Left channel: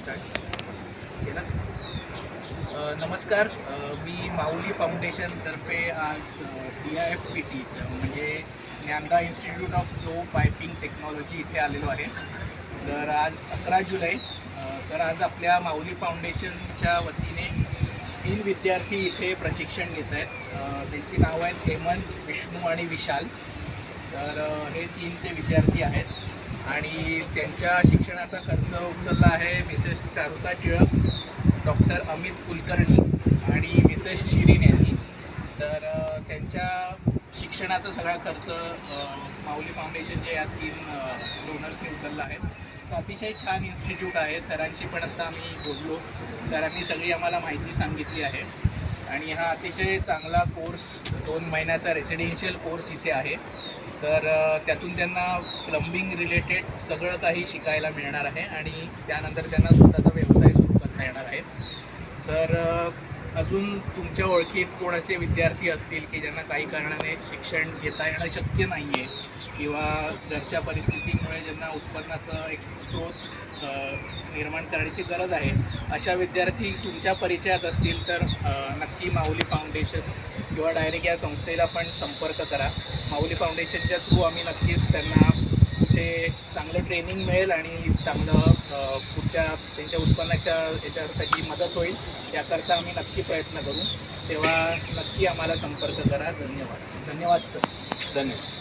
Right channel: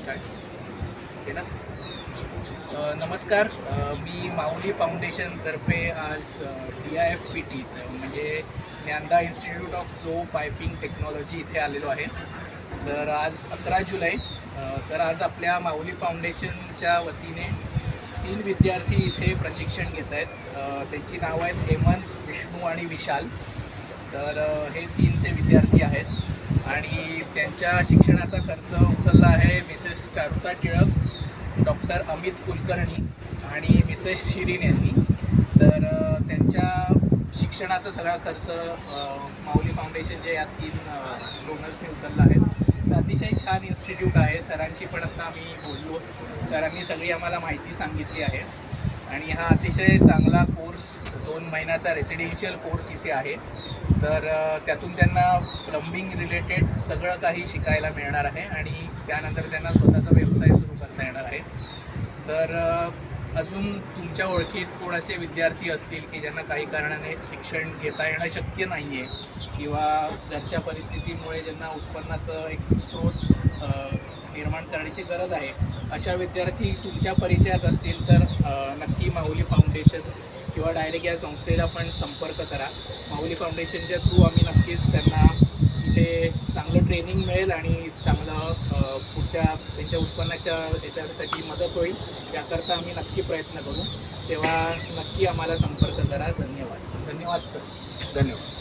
Start okay ना. नमस्कार. मी माऊली फाउंडेशनतर्फे आज DIFPT म्हणजे Dnyanada institute of flow piping technology इथे आलेलो आहे. तर आज 11 जुलै. तर आज आपल्या माऊली फाउंडेशनच्या वतीने 3 विद्यार्थी इथे प्रशिक्षण घेत आहेत. त्यांची नावं आहेत हेमंत, विष्णू आणि विशाल. तर हे 3 ते विद्यार्थी आहेत आणि त्यांच्या शिक्षणाचा खर्च उचलला आहे मिसेस चारुता टिळक, डॉक्टर अमित कुलकर्णी आणि मिसेस शिरीन यांनी. तर त्यांच्या शिक्षणाचा सगळा खर्च माऊली फाउंडेशनच्या या 3 डोनर्सने उचलला आहे. तर अतिशय छान इन्स्टिट्यूट आहे. सरांशी पण आता आम्ही बोललो. सरांनी सगळी आम्हाला माहिती सांगितली आहे आणि हा अतिशय चांगला कोर्स 2 महिन्याचा रेसिडेन्शियल कोर्स इथे आहे. तर त्यातून त्यांना प्लंबिंग रिलेटेड सगळं काही शिकायला मिळणार आहे आणि त्यानंतर त्यांना स्वतःचा व्यवसाय सुरू करता येणार आहे. तर अजून तुमच्या ओळखीत कोण असे विद्यार्थी असतील की ज्यांना काही कारणाने शिक्षण घेता येणं शक्य नाही आहे किंवा घरच्या परिस्थितीमुळे ज्यांना उत्पन्नाचं एक स्रोत निर्माण करण्याची गरज आहे, अशा विद्यार्थी तुमच्या परिचयात असतील तर नक्की माऊली फाउंडेशन किंवा डायरेक्ट या संस्थेला पण संपर्क करा. माऊली फाउंडेशनच्या थ्रू आम्ही नक्कीच त्यांना कुठे चांगलं ट्रेनिंग मिळेल आणि चांगलं पुढच्या त्यांच्या उत्पन्नाच्या याच्यासाठी मदत होईल याकरता आम्ही नक्की प्रयत्न करू. तेव्हा नक्की आम्हाला संपर्क करा. धन्यवाद. धन्यवाद सर. धन्यवाद.